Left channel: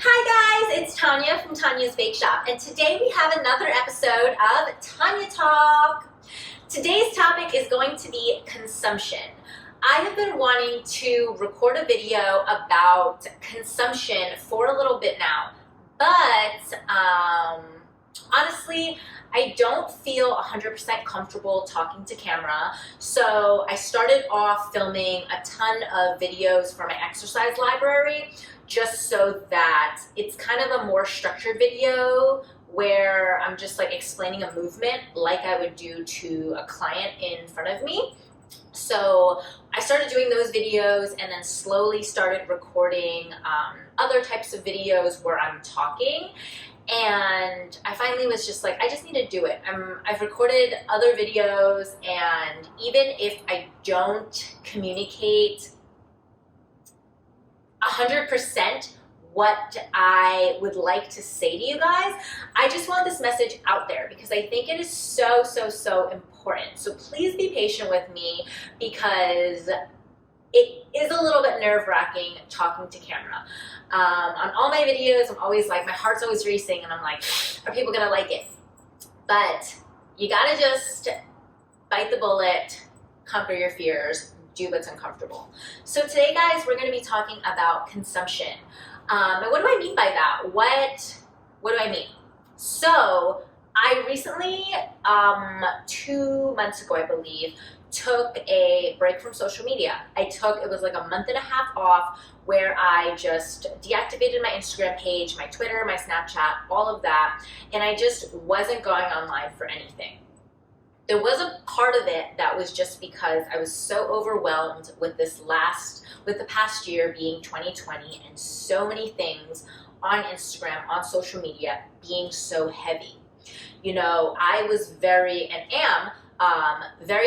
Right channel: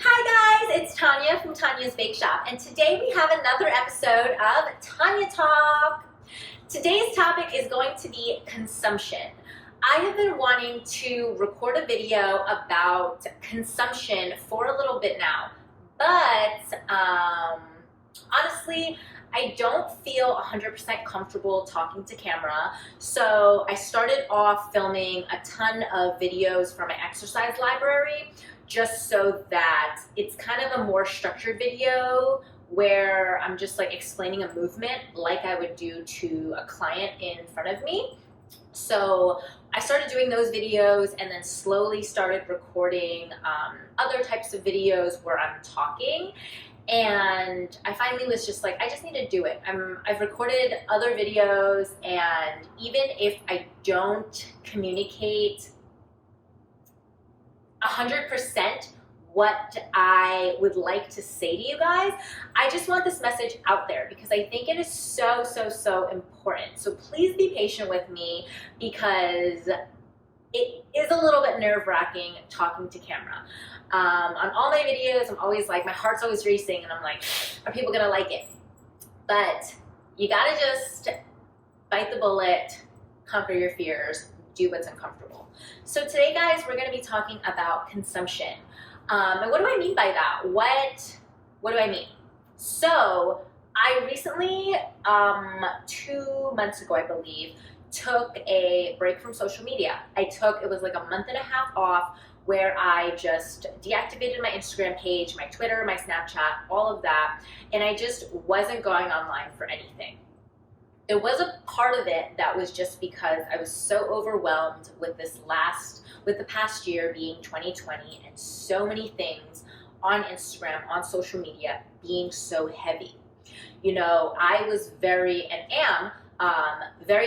Hi guys, it's Tonya from Tonya's Bakeshop, and today we have another episode of Tonya Talk. Today's topic is going to be consumption. I have been wanting to record a video about consumption for a little bit now, but honestly, I don't feel 100% comfortable talking to camera, so I started off filming a ton of videos for my exercise library just so that it's kind of a more structured video where I'm just like explaining a movement like I would do to a client in front of me. So I started doing those videos and then slowly started recording other types of videos where I'm talking. And I finally was just like, I just need to do it. I've recorded other videos, and even if I don't communicate 100% what I would like to say to you guys, I just want this message out there because I think it is so important. So please be patient with me because it is a little bit nerve-wracking talking to camera. On all my videos, I'm always like, my heart's always racing and I'm like, are people gonna like it? But you gotta just bite the bullet, conquer your fears, do what's uncomfortable. So today, guys, we're gonna be talking about consumption. And what do I mean by that? What do I mean? So I recently, 2 months ago, I believe, took a break from social media. It was like a month and a half off where I just deactivated my Instagram page, my Twitter, my Snapchat, all of that, and I just wasn't going online for anything. There was a part of it that was just because I was so overwhelmed with the past year being 2020 and so many things on Instagram, on social media being so heavy. You know, I was very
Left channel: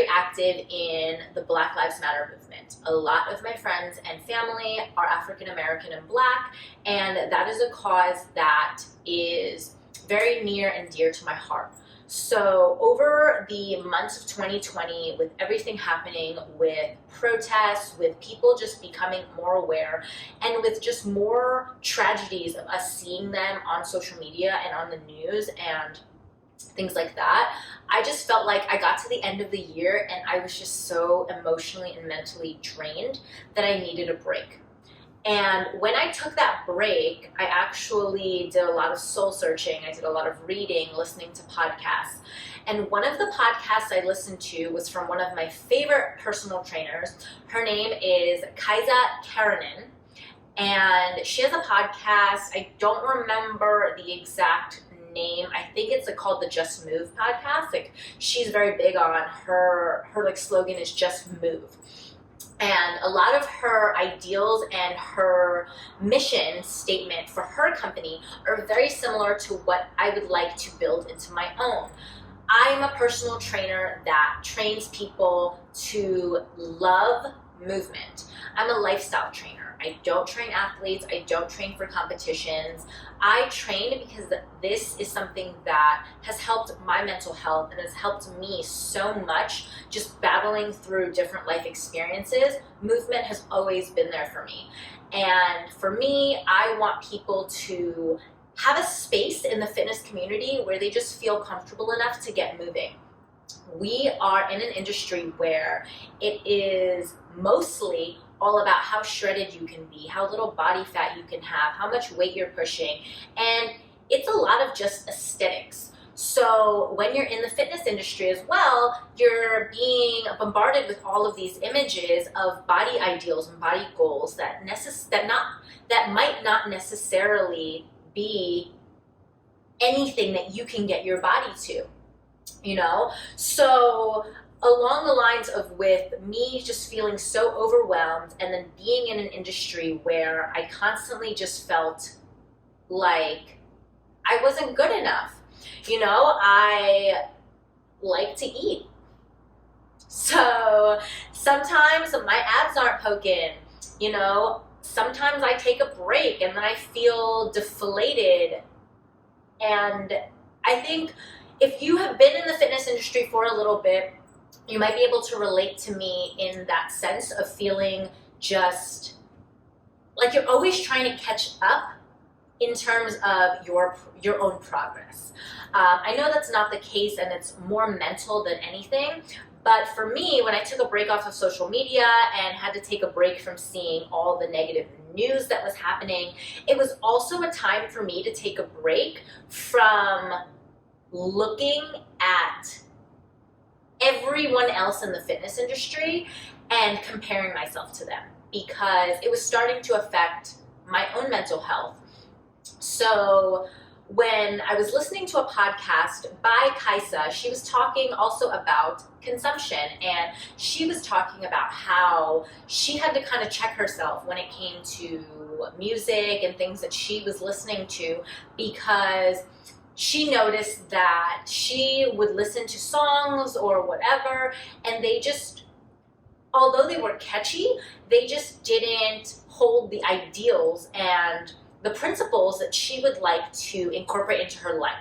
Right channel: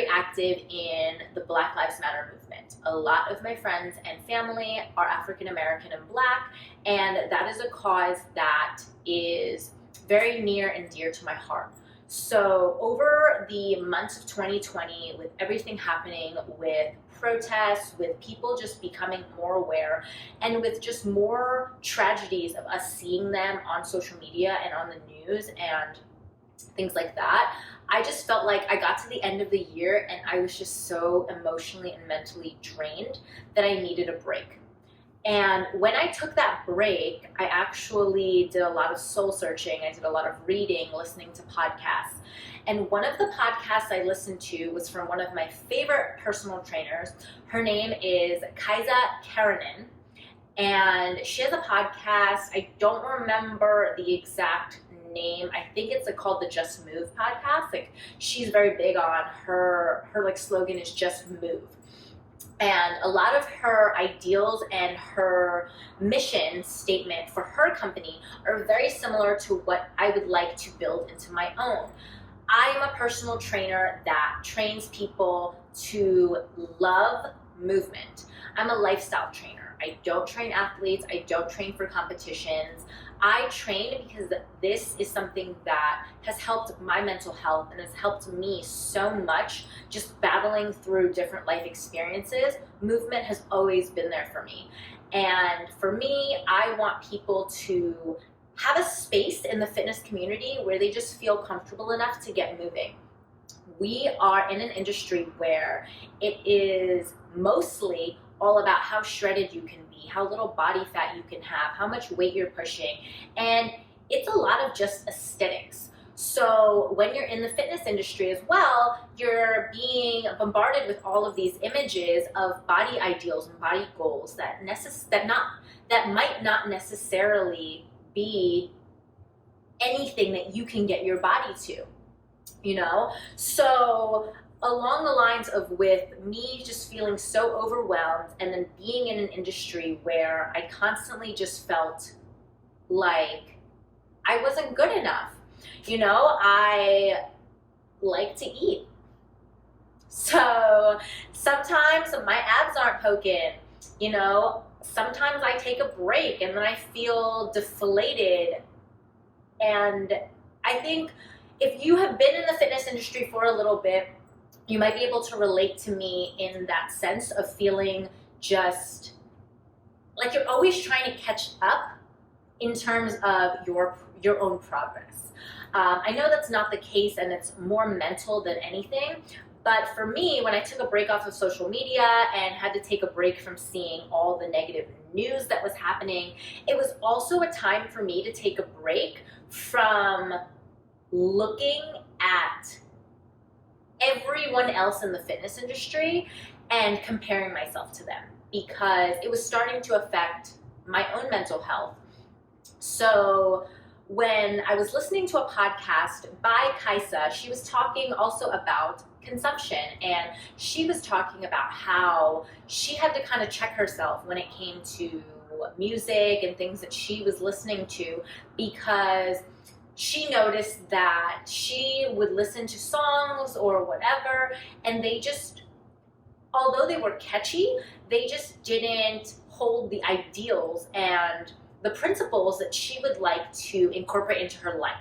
active in the Black Lives Matter movement. A lot of my friends and family are African American and Black, and that is a cause that is very near and dear to my heart. So over the months of 2020, with everything happening, with protests, with people just becoming more aware, and with just more tragedies of us seeing them on social media and on the news and things like that, I just felt like I got to the end of the year and I was just so emotionally and mentally drained that I needed a break. And when I took that break, I actually did a lot of soul searching. I did a lot of reading, listening to podcasts. And one of the podcasts I listened to was from one of my favorite personal trainers. Her name is Kaisa Karanin. And she has a podcast. I don't remember the exact name. I think it's called the Just Move podcast. Like, she's very big on her like slogan is just move. And a lot of her ideals and her mission statement for her company are very similar to what I would like to build into my own. I am a personal trainer that trains people to love movement. I'm a lifestyle trainer. I don't train athletes. I don't train for competitions. I train because this is something that has helped my mental health and has helped me so much just battling through different life experiences. Movement has always been there for me. And for me, I want people to have a space in the fitness community where they just feel comfortable enough to get moving. We are in an industry where it is mostly all about how shredded you can be, how little body fat you can have, how much weight you're pushing, and it's a lot of just aesthetics. So when you're in the fitness industry as well, you're being bombarded with all of these images of body ideals and body goals that might not necessarily be anything that you can get your body to, you know? So along the lines of with me just feeling so overwhelmed and then being in an industry where I constantly just felt like I wasn't good enough. You know, I like to eat. So sometimes my abs aren't poking, you know, sometimes I take a break and then I feel deflated. And I think if you have been in the fitness industry for a little bit, you might be able to relate to me in that sense of feeling just like you're always trying to catch up in terms of your own progress. I know that's not the case, and it's more mental than anything. But for me, when I took a break off of social media and had to take a break from seeing all the negative news that was happening, it was also a time for me to take a break from looking at everyone else in the fitness industry and comparing myself to them, because it was starting to affect my own mental health. So when I was listening to a podcast by Kaisa, she was talking also about consumption, and she was talking about how she had to kind of check herself when it came to music and things that she was listening to, because she noticed that she would listen to songs or whatever, and they just, although they were catchy, they just didn't hold the ideals and the principles that she would like to incorporate into her life.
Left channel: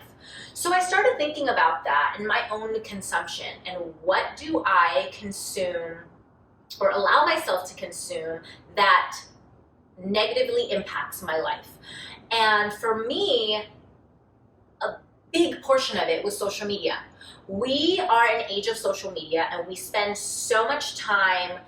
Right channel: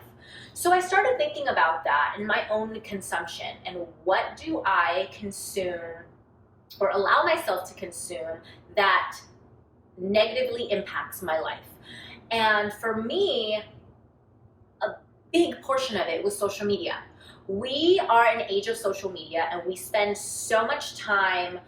So I started thinking about that in my own consumption, and what do I consume or allow myself to consume that negatively impacts my life. And for me, a big portion of it was social media. We are in an age of social media, and we spend so much time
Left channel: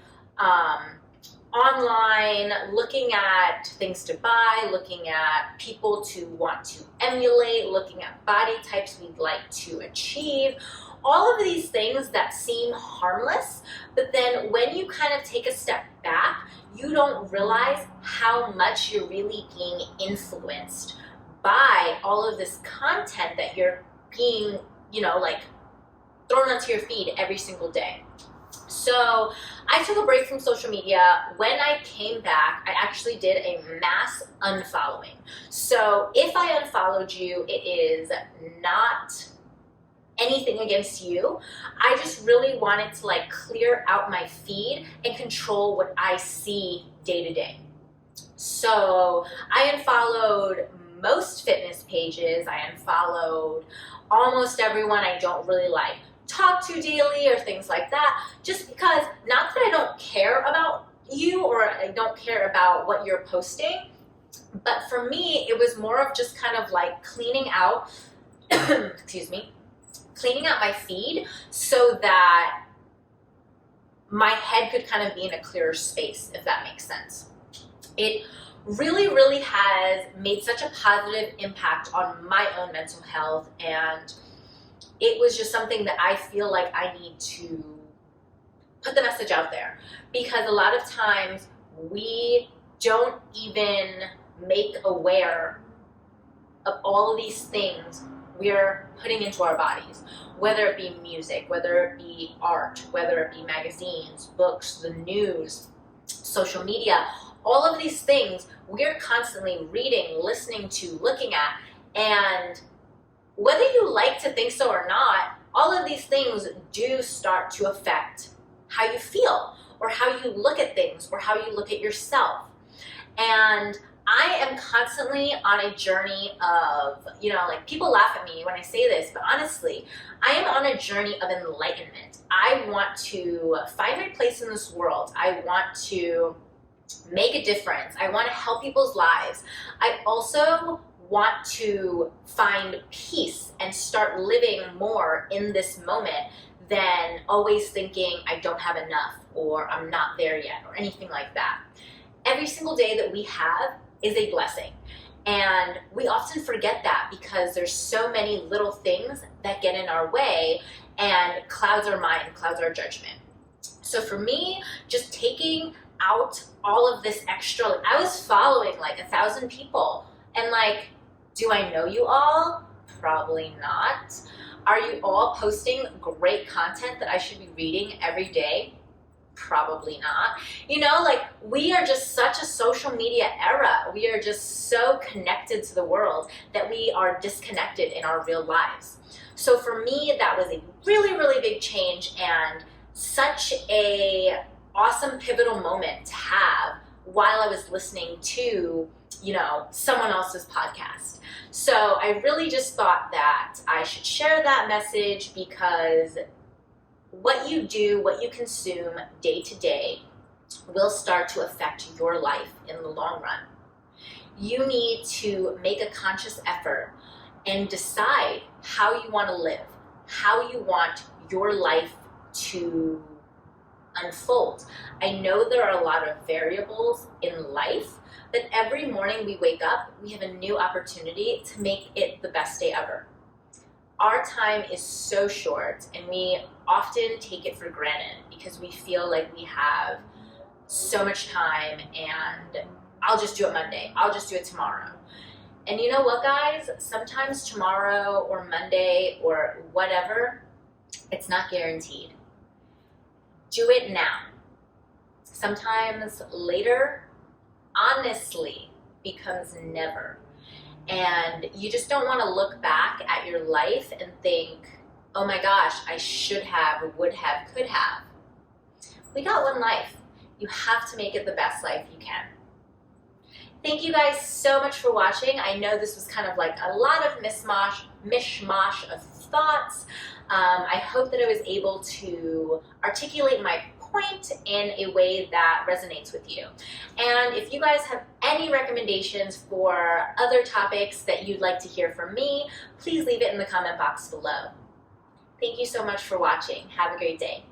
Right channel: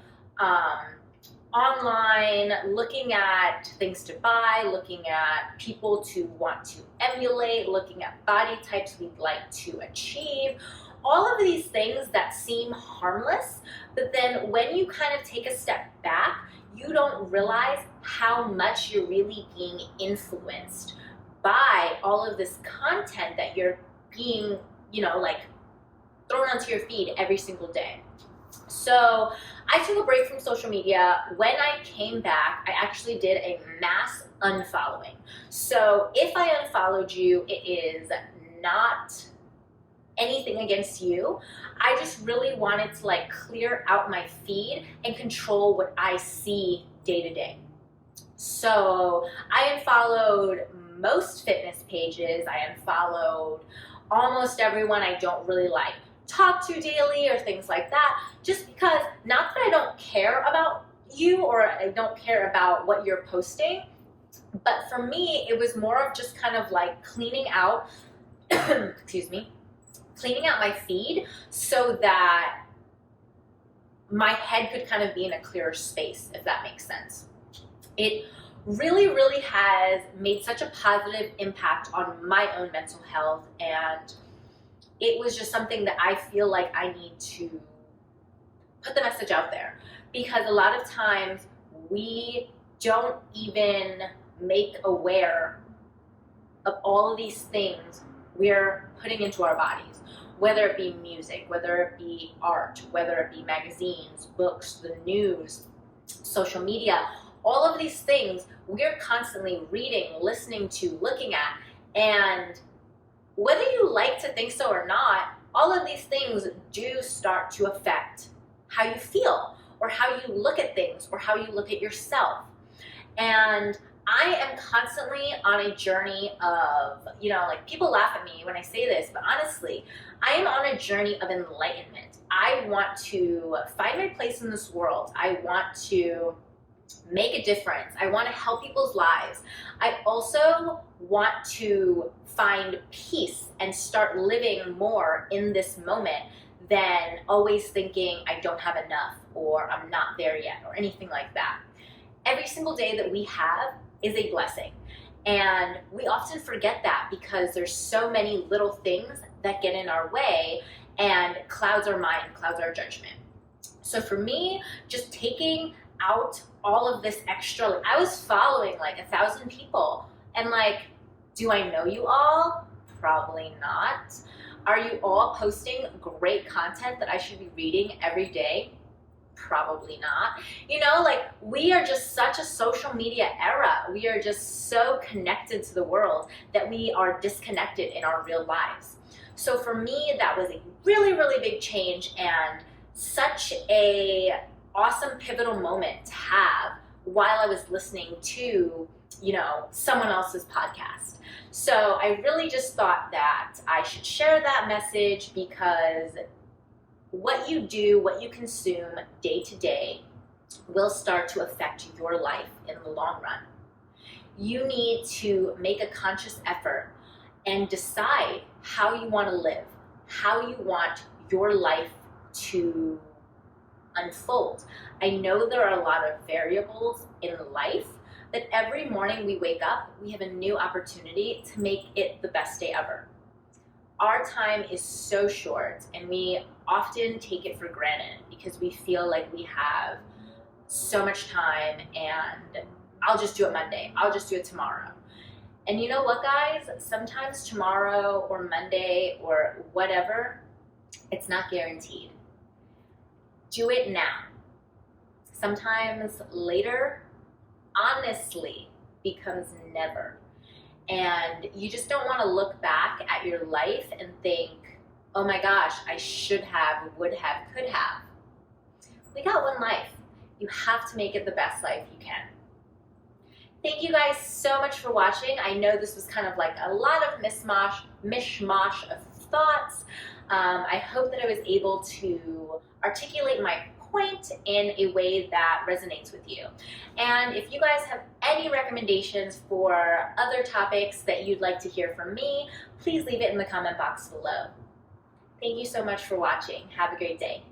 online, looking at things to buy, looking at people to want to emulate, looking at body types we'd like to achieve, all of these things that seem harmless, but then when you kind of take a step back, you don't realize how much you're really being influenced by all of this content that you're being, like thrown onto your feed every single day. So I took a break from social media. When I came back, I actually did a mass unfollowing. So if I unfollowed you, it is not anything against you. I just really wanted to clear out my feed and control what I see day to day. So I unfollowed most fitness pages. I unfollowed almost everyone I don't really talk to daily or things like that, just because, not that I don't care about you or I don't care about what you're posting, but for me it was more of just kind of cleaning out cleaning out my feed so that my head could kind of be in a clearer space, if that makes sense. It really, really has made such a positive impact on my own mental health, and it was just something that I feel like I need to put the message out there, because a lot of times we don't even make aware of all of these things we're putting into our bodies, whether it be music, whether it be art, whether it be magazines, books, the news, social media, all of these things we're constantly reading, listening to, looking at, and whether you like to think so or not, all of these things do start to affect how you feel or how you look at things or how you look at yourself. And I am constantly on a journey of, people laugh at me when I say this, but honestly, I am on a journey of enlightenment. I want to find my place in this world. I want to make a difference. I want to help people's lives. I also want to find peace and start living more in this moment than always thinking I don't have enough or I'm not there yet or anything like that. Every single day that we have is a blessing. And we often forget that because there's so many little things that get in our way and clouds our mind, clouds our judgment. So for me, just taking out all of this extra, I was following 1,000 people, and do I know you all? Probably not. Are you all posting great content that I should be reading every day? Probably not. We are just such a social media era. We are just so connected to the world that we are disconnected in our real lives. So for me, that was a really, really big change and such a awesome pivotal moment to have while I was listening to, someone else's podcast. So I really just thought that I should share that message, because what you do, what you consume day to day will start to affect your life in the long run. You need to make a conscious effort and decide how you want to live, how you want your life to unfold. I know there are a lot of variables in life, but every morning we wake up, we have a new opportunity to make it the best day ever. Our time is so short, and we often take it for granted because we feel like we have so much time and I'll just do it Monday, I'll just do it tomorrow. And you know what, guys? Sometimes tomorrow or Monday or whatever, it's not guaranteed. Do it now. Sometimes later, honestly, becomes never. And you just don't want to look back at your life and think, oh my gosh, I should have, would have, could have. We got one life. You have to make it the best life you can. Thank you guys so much for watching. I know this was kind of like a lot of mishmash of thoughts. I hope that I was able to articulate my point in a way that resonates with you. And if you guys have any recommendations for other topics that you'd like to hear from me, please leave it in the comment box below. Thank you so much for watching. Have a great day.